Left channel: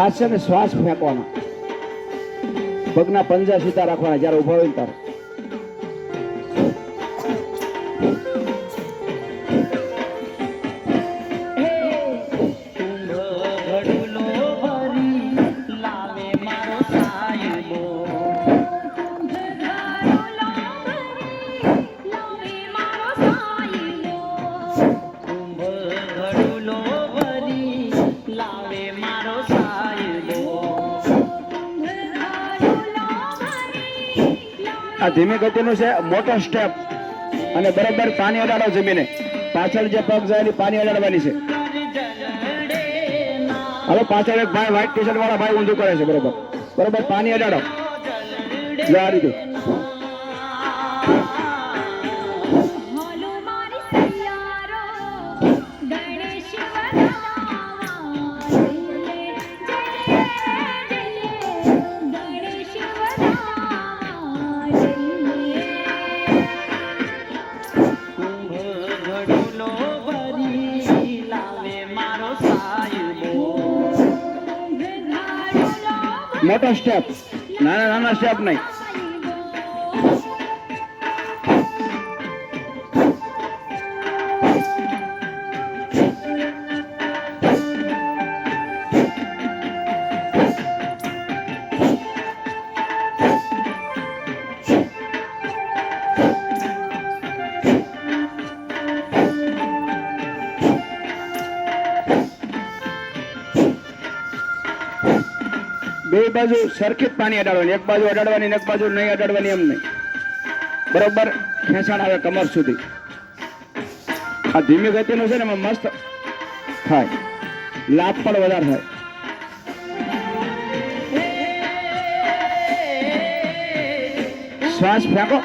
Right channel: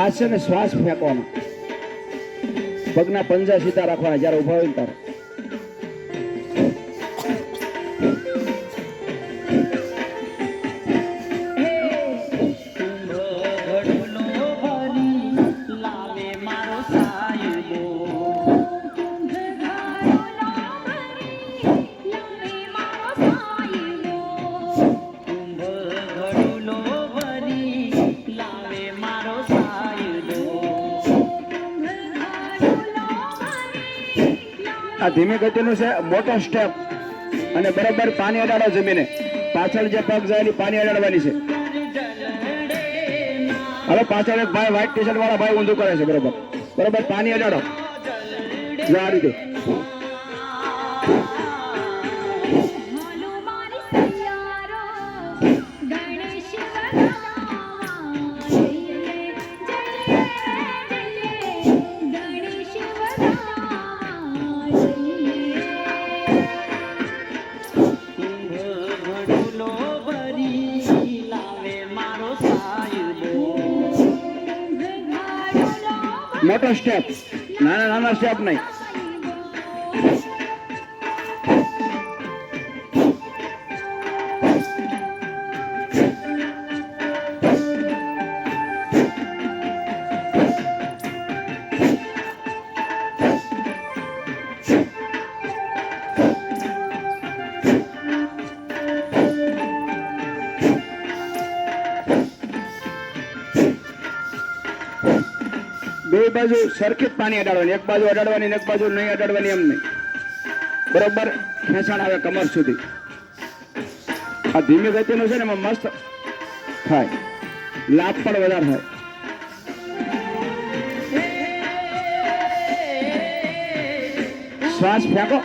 ખાસ છે ને શ્વાસ ફેંકવાનો, પગના પંજા સીધા રાખવાના જ્યારે ઉભો હોય ત્યારે. આ ધીમી ગતિનું છે, મોટો સ્ટેપ, અને બરાબર પાણી અડાડો જમીને. પાછળ જે પગ જાય પાણી અડાડવાની છે. હવે પાછળ એક ભાઈ વ્હાઈટ ટી શર્ટ વાળા ભાઈ ઊંધું કરે છે, બરોબર બરોબર પાણી અડાડો આ રીતે. મોટો સ્ટેપ, નાના નાના સ્ટેપ નહીં. બે બાજુ સરખી પાણી અડાડવાની, એક બાજુ અડાડવાની એક બાજુ નહીં અડાડવાની, એમ નહીં. બરોબર ખેંચાણ આવે કમર સુધી. આ ધીમી ગતિનું છે ને એમાં મસ્ત થાય, લાભ પણ વધારે થાય. શ્વાસ ફેંકો.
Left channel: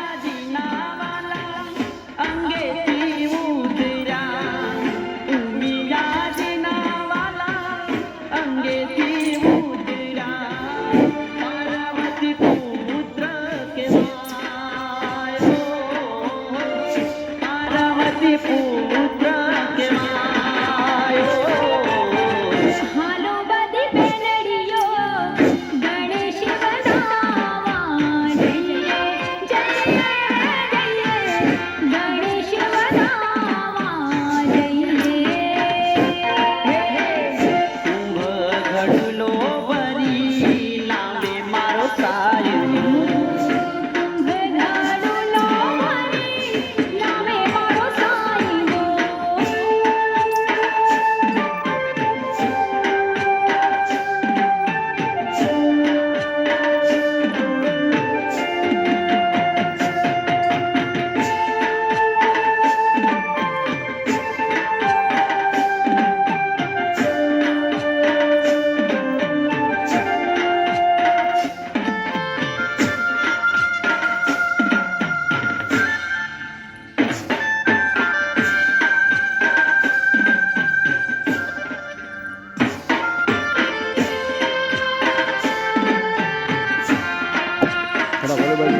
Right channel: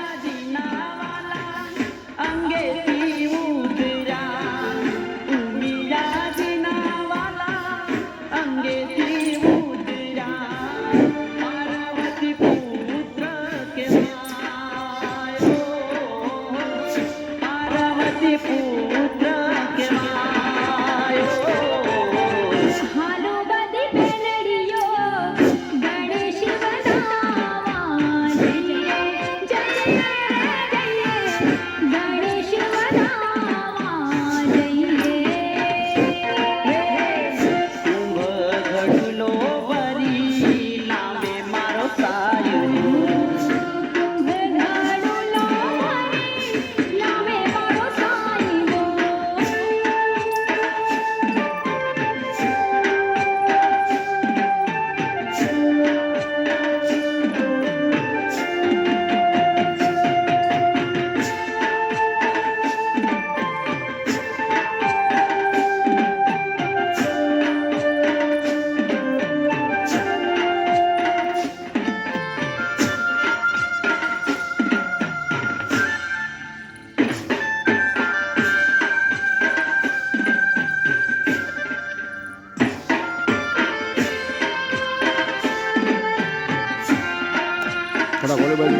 થોડા બોલે બાજુ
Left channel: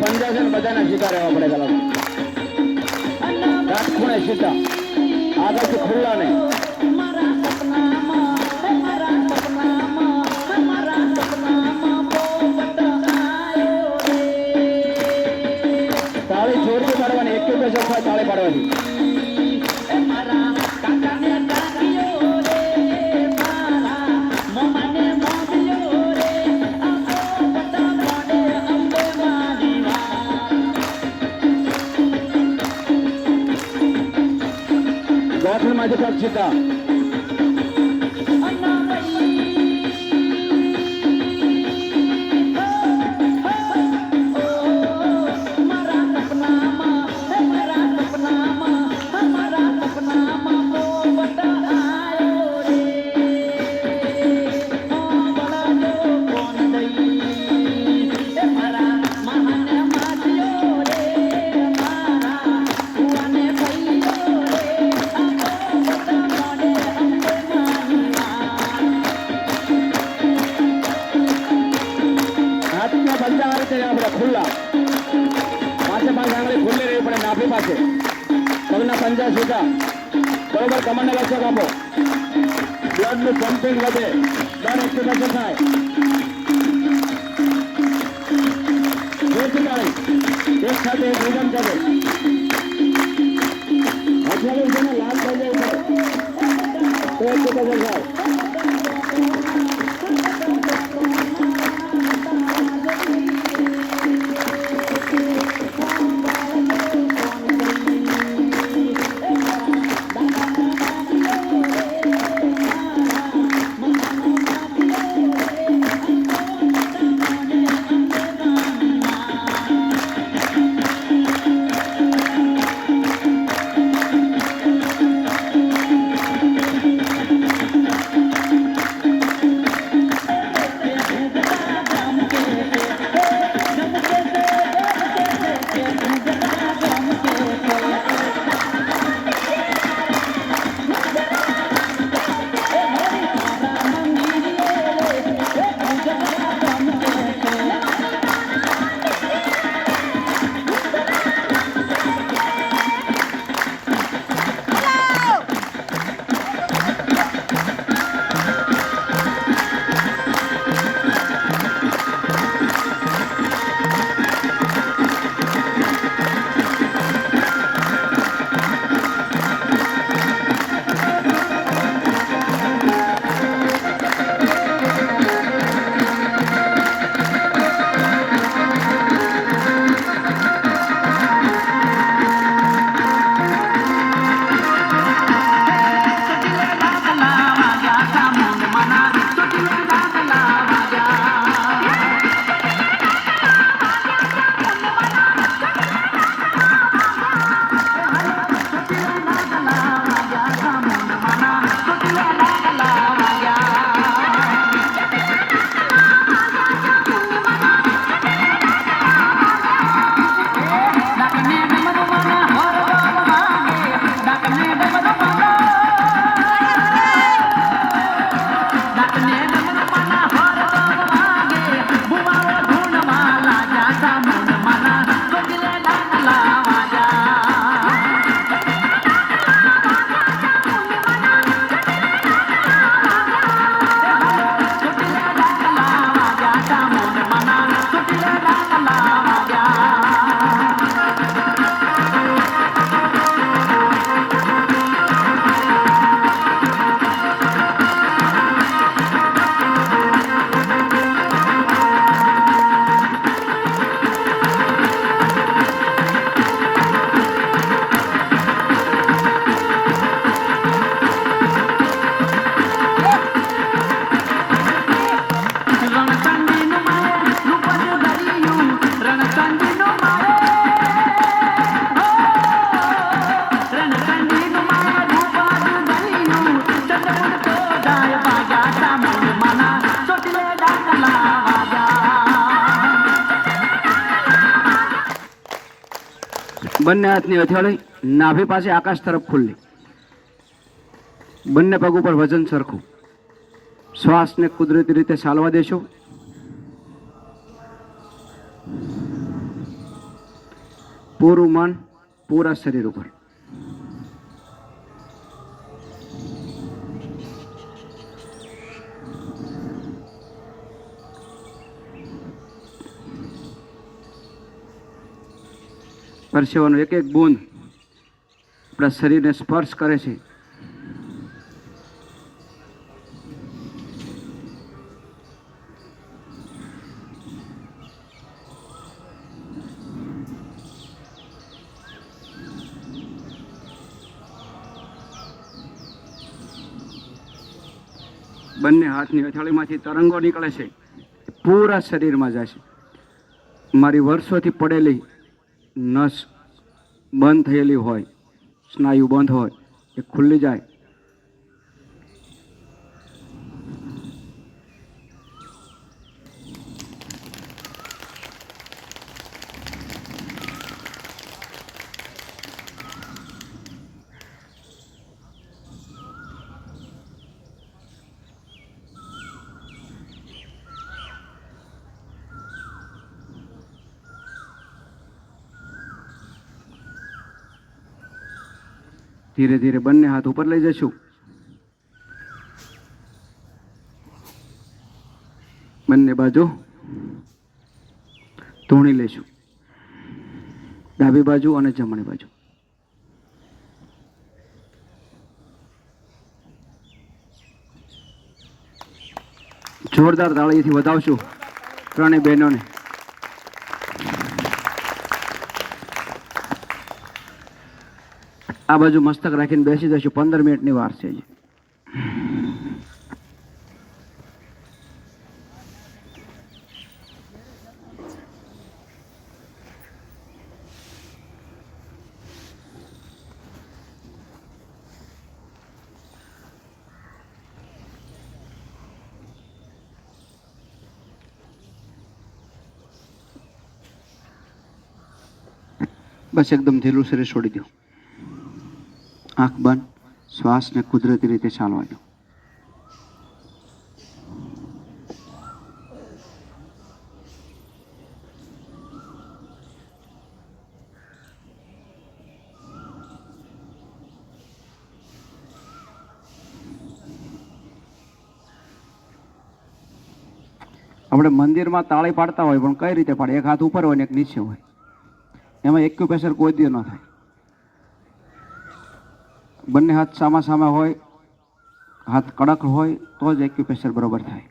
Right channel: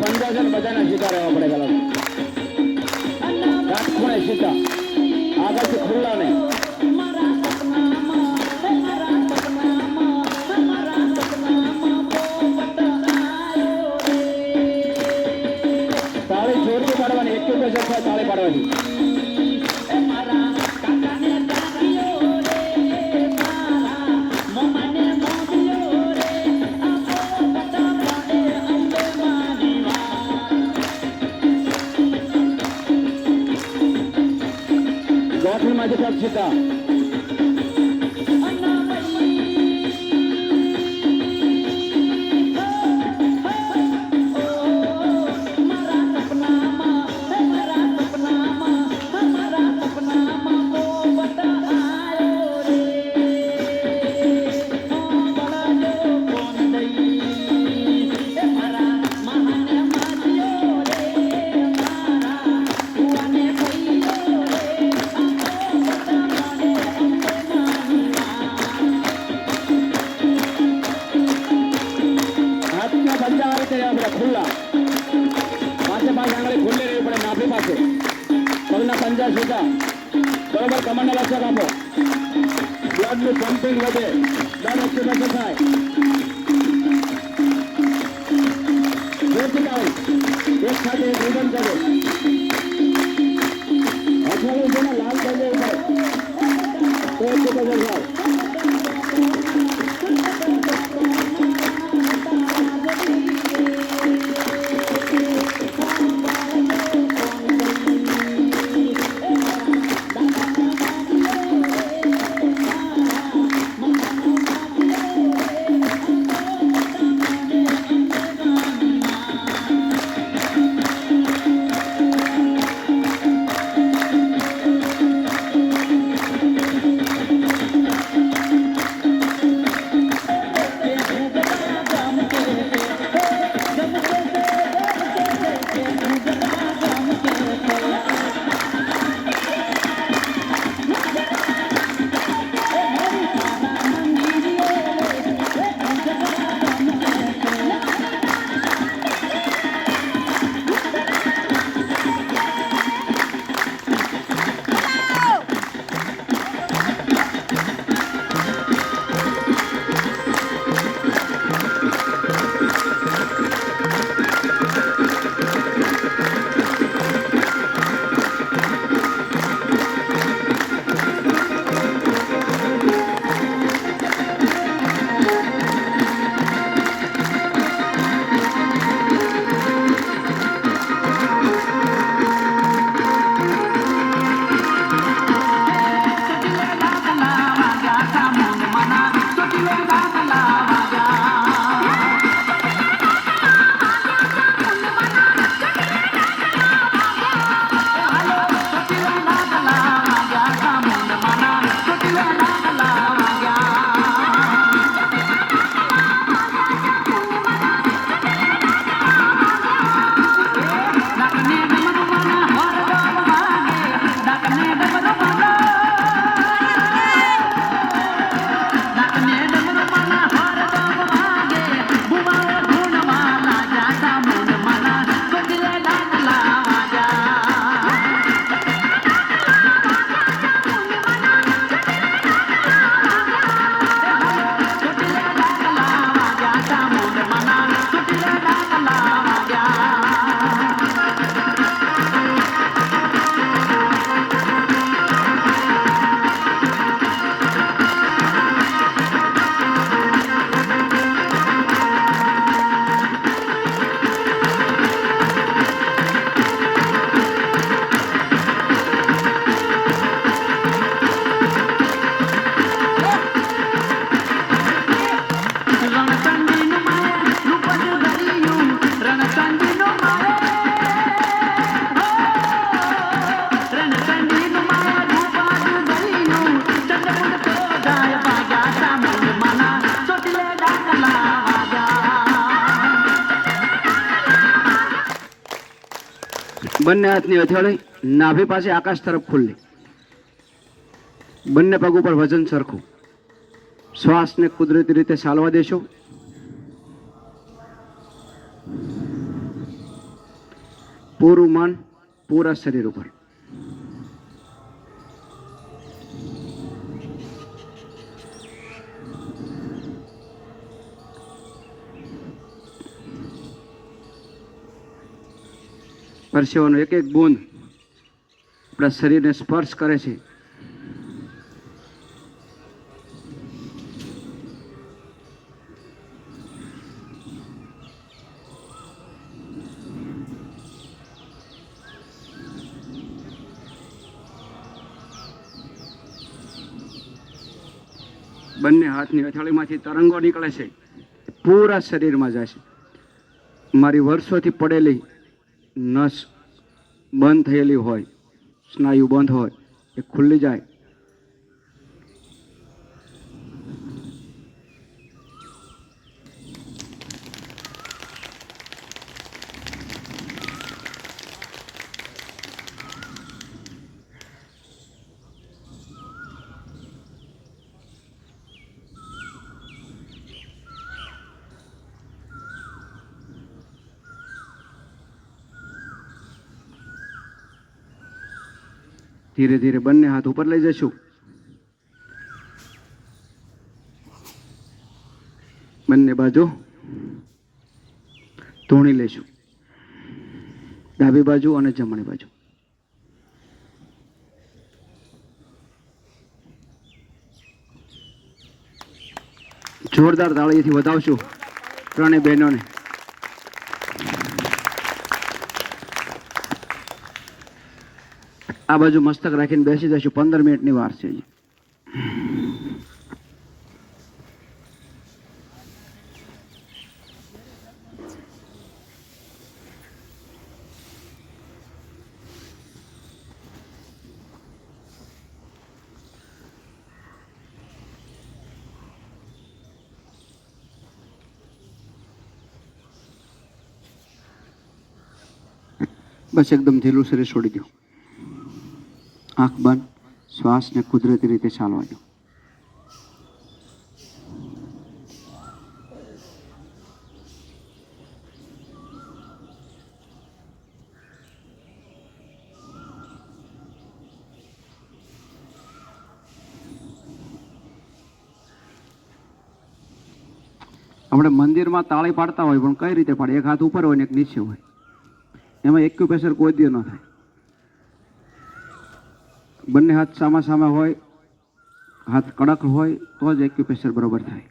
પંજા છે ને બધાને સીધા રહેવા પડે પેલા કાટ ખૂણે સીધા આગળથી ખુલ્લા નહીં તાળી જોરથી પાડવાની એક બે જગ્યા તાળી પાડવાની माझे पग सीधा खुला पाचे पांच आंगળી ખુલ્લી રહેવી પડે નાભી પાસે પગના પંજા સીધા બરોબર કમરને લક્ષક આપો બ્લડનું પમ્પિંગ વધે બ્લડ એક્ટિવેશન થાય એક સાથે એક રીધમ કરે અત્યારે જેને લાભ થઈ જાય તો એક્ટિવેશન થાય બંને હાથની હથેળી નાભી પાસે આકાશ તરફ ખુલ્લી, બંને પગ ઉપર વજન સરખું, શ્વાસને કુદરતી રીતે ચાલવા દેશો. પૂરું મન પૂરા શરીર ઉપર. પરસેવાનો એક એક બૂંદ આપણા શરીરને સ્પર્શ કરે છે. બંને હાથની હથેળીમાંથી તરંગો નીકળે છે, પૂરા શરીરમાં જાય છે. મારી વર્ષોથી પડેલી નસ બંધ થયેલી હોય, સ્નાયુ બંધ હોય, એ ખુલ્લી જાય. ધીરે ધીરે બંને હાથ ઉપર લઈ જશું. બંને બાજુ ધૂણી લેશું, ડાબી બાજુ અને જમણી બાજુ. જોરદાર તાળીથી વધાવશું ત્રણેય બહેનોને. આ બાજુ મસ્તક રાખીને બેસી જશું. 15 મિનિટની વાર છે. બસ એકદમ ઢીલું શરીર છોડી દો. આંખ બંધ, શ્વાસને કુદરતી રીતે ચાલવા દો. આપણે મંદિરમાં તાળી પાડતા હોય, પણ કઈ રીતે પાડે? એક હાથ ઉપર હોય ને એક નીચે હોય. એમાં એક્યુપ્રેશર કોઈ દી ન થાય. બંને હાથ સામા સામે હોય, હાથ કડક હોય તો જ એક્યુપ્રેશર બરોબર થાય.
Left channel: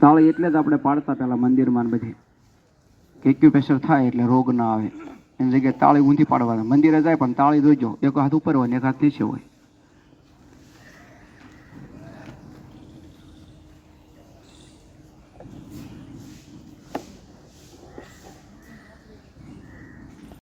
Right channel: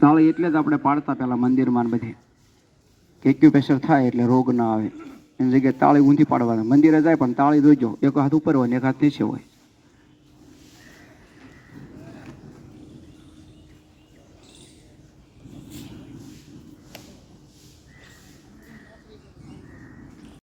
તાળી એટલે જ આપણે પાડતા પહેલા મંદિરમાં બધે એક્યુપ્રેશર થાય એટલે રોગ ના આવે. એની જગ્યાએ તાળી ઊંધી પાડવાના. મંદિરે જાય પણ તાળી જોઈજો, એક હાથ ઉપર હોય ને એક હાથ નીચે હોય.